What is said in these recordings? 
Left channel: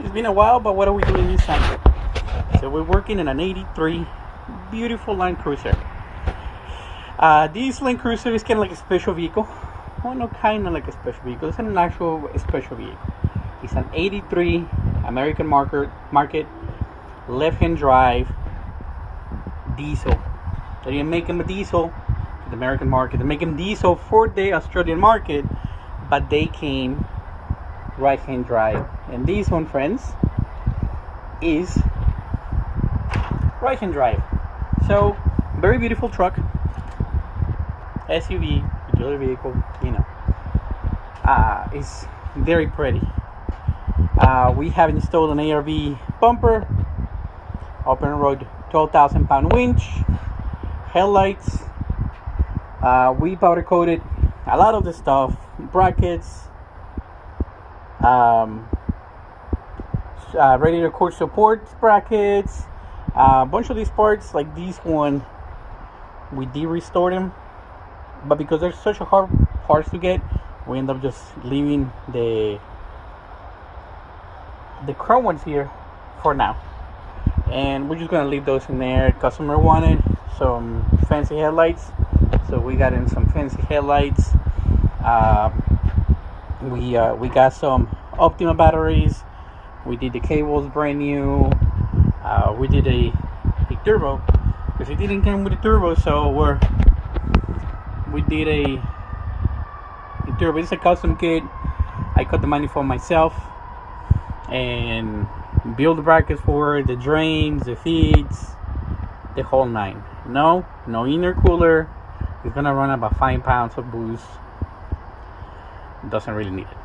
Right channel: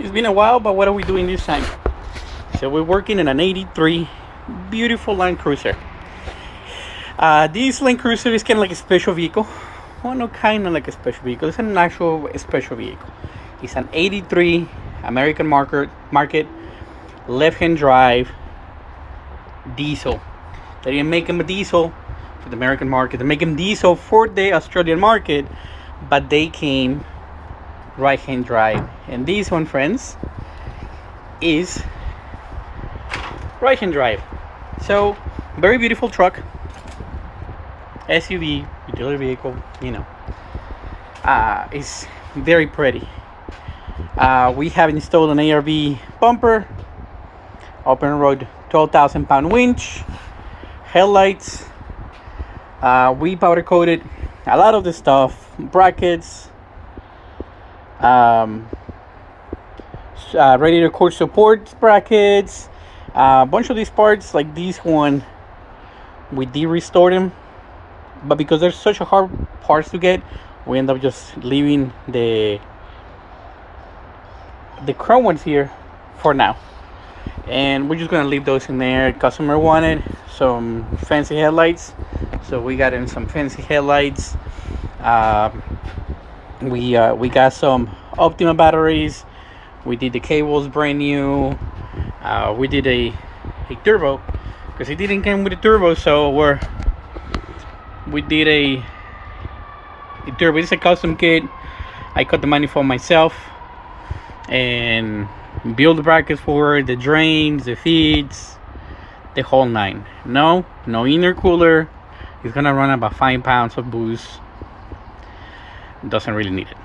It's been a while, but what are we doing this time? So we're working in an 83 beautiful Landcruiser. This Landcruiser is kind of like a special vehicle. Well, not kind of like a special vehicle. It's an actual special vehicle. It's an 83 American market left-hand drive diesel. They didn't make them a diesel for the American market. They make them diesel for the Australian market, but they came right-hand drive. And this one, friends, is right-hand drive. So very beautiful truck, SUV, utility vehicle, it's very pretty. We have installed an ARV bumper, open road 12,000 pound winch, headlights. We powder coated a lot of the stuff, brackets, radiator core support brackets, a bunch of these parts. Like this one, we did restore them, but because they're such a hard parts to get, we end up just leaving the chrome ones here for now, and we're just gonna leave those in there. Customer wanted some fancy headlights, so we got in some fancy headlights. We got some Optima batteries. We did the cables brand new. We did a turbo because it didn't come with a turbo, so we did a turbo. It's a custom kit. I cut the manifold myself and build the brackets for it, the drains, the feeds, the whole nine. No intercooler. It's gonna run about 5 pounds of boost. Doesn't really need it.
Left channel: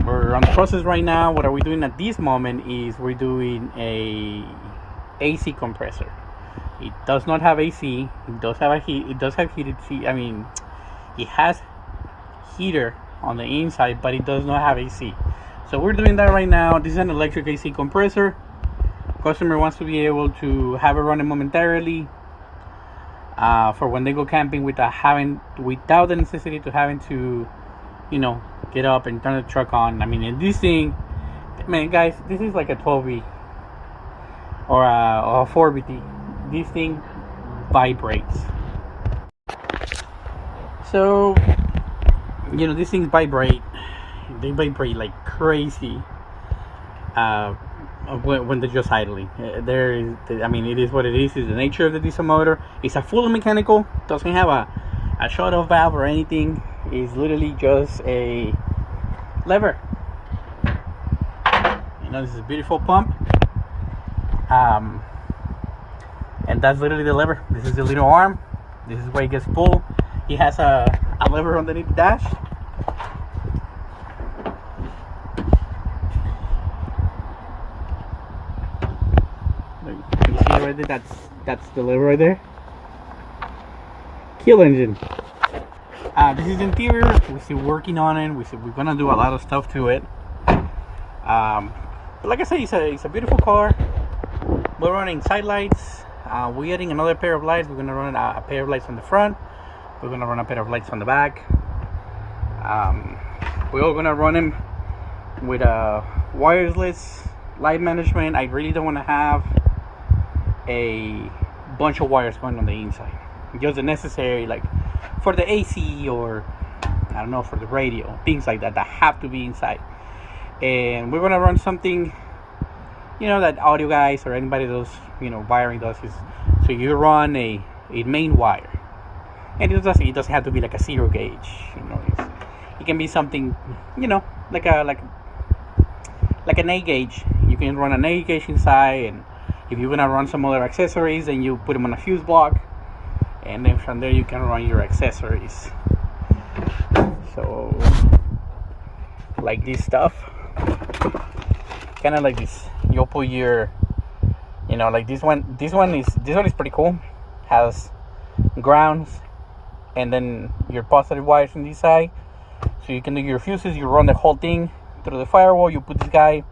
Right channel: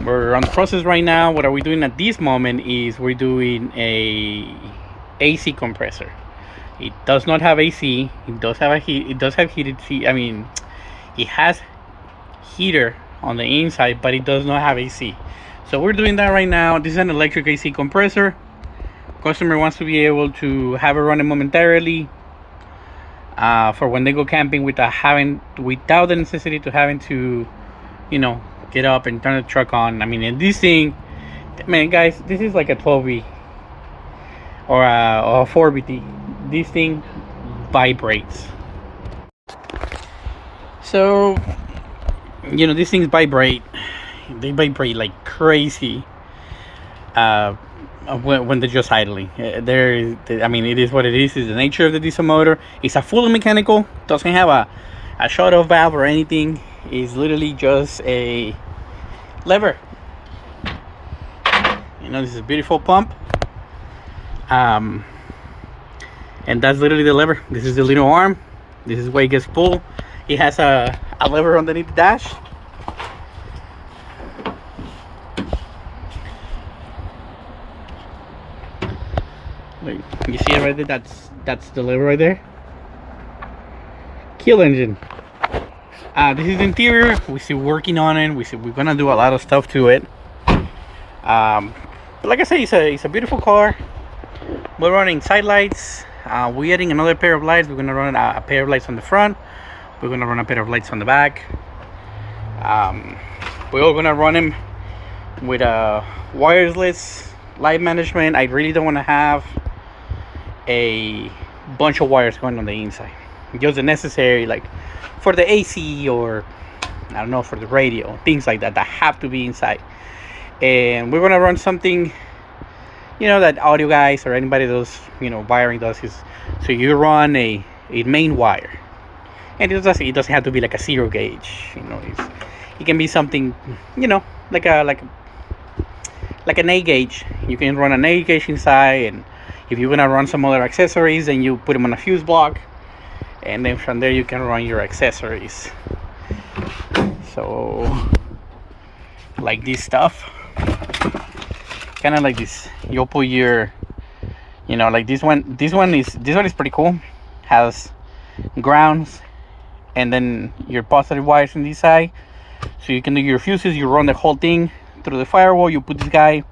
We're on the process right now. What are we doing at this moment is we're doing a AC compressor. It does not have AC. It does have it does have heated seat. I mean, it has heater on the inside, but it does not have AC. So we're doing that right now. This is an electric AC compressor. Customer wants to be able to have it running momentarily, for when they go camping without the necessity to having to, get up and turn the truck on. I mean, and this thing, man, guys, this is like a 12V or a 4VT. This thing vibrates. So, these things vibrate. They vibrate like crazy when they're just idling. I mean, it is what it is. It's the nature of the diesel motor. It's a fully mechanical. Doesn't have a shut-off valve or anything. It's literally just a lever. This is a beautiful pump. And that's literally the lever. This is the little arm. This is where it gets pulled. It has a lever underneath the dash. You see it right there? That's the lever right there. Kill engine. This is the interior. We're still working on it. We're gonna do a lot of stuff to it. But like I said, it's a beautiful car. We're running side lights. We're adding another pair of lights. We're gonna run a pair of lights on the front. We're gonna run a pair of lights on the back. We're all gonna run them with a wireless light management. I really don't want to have a bunch of wires going on the inside. Just the necessary, like for the AC, or I don't know, for the radio, things like that have to be inside. And we're gonna run something, that audio guys or anybody does, wiring does, is so you run a main wire, and it doesn't have to be like a 0 gauge. It can be something, like an 8 gauge. You can run an 8 gauge inside, and if you're gonna run some other accessories, then you put them on a fuse block, and then from there you can run your accessories. So like this stuff, kind of like this, you'll put your, like this one is pretty cool. Has grounds and then your positive wires on this side, so you can do your fuses. You run the whole thing through the firewall. You put this guy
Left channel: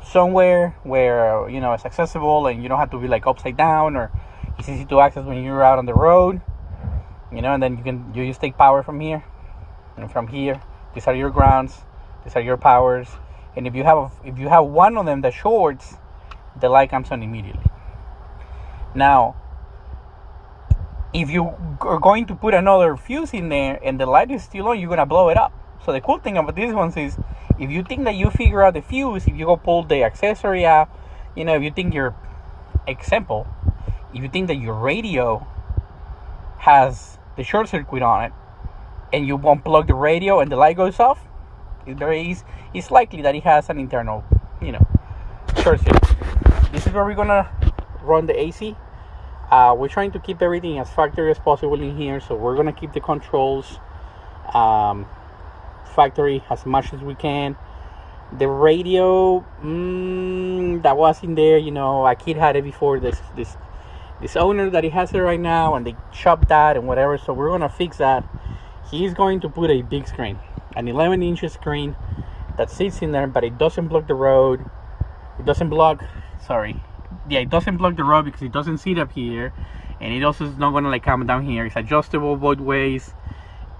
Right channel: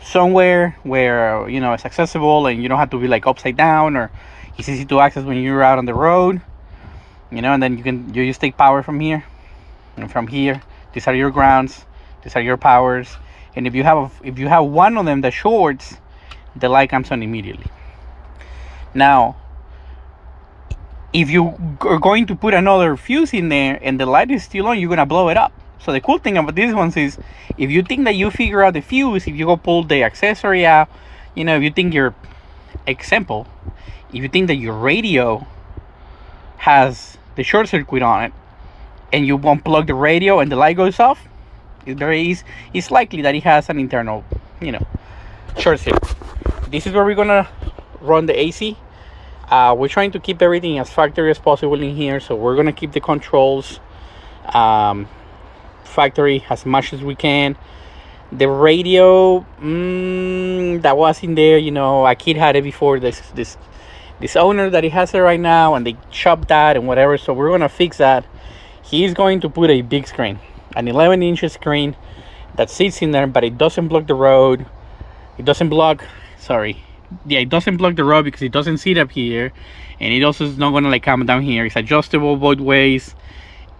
somewhere where it's accessible, and you don't have to be like upside down, or it's easy to access when you're out on the road, and then you just take power from here, and from here these are your grounds, these are your powers, And if you have one of them that shorts, the light comes on immediately. Now, if you are going to put another fuse in there and the light is still on, you're gonna blow it up. So the cool thing about these ones is, if you think that you figure out the fuse, if you go pull the accessory out, you know, if you think your example, if you think that your radio has the short circuit on it, and you unplug the radio and the light goes off, it's likely that it has an internal, you know, short circuit. This is where we're gonna run the AC. We're trying to keep everything as factory as possible in here, so we're gonna keep the controls factory as much as we can. The radio that was in there, you know, a kid had it before, this owner that he has it right now, and they chopped that and whatever, so we're gonna fix that. He's going to put a big screen, an 11-inch screen that sits in there, but it doesn't block the road. It doesn't block the road because it doesn't sit up here, and it also is not gonna like come down here. It's adjustable both ways,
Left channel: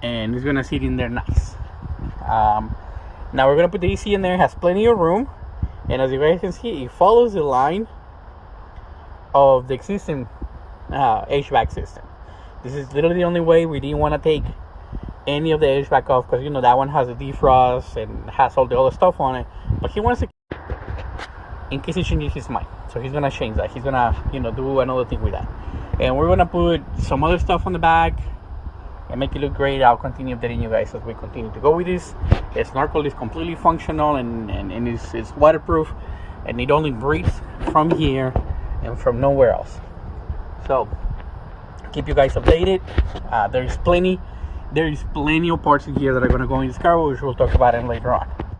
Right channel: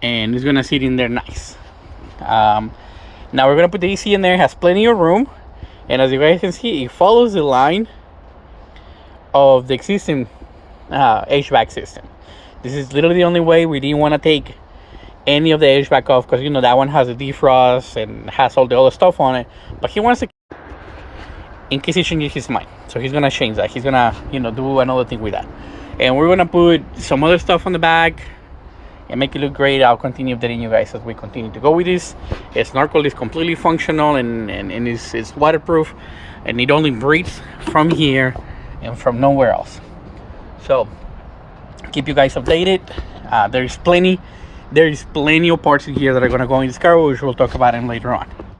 and it's gonna sit in there nice. Now we're gonna put the AC in there. It has plenty of room, and as you guys can see, it follows the line of the existing HVAC system. This is literally the only way. We didn't want to take any of the HVAC off because, you know, that one has a defrost and has all the other stuff on it, but he wants to, in case he changes his mind, so he's gonna change that. He's gonna, you know, do another thing with that, and we're gonna put some other stuff on the back and make it look great. I'll continue updating you guys as we continue to go with this. Snorkel is completely functional and it's waterproof, and it only breathes from here and from nowhere else. So keep you guys updated. There is plenty of parts in here that are going to go in this car, which we'll talk about them later on.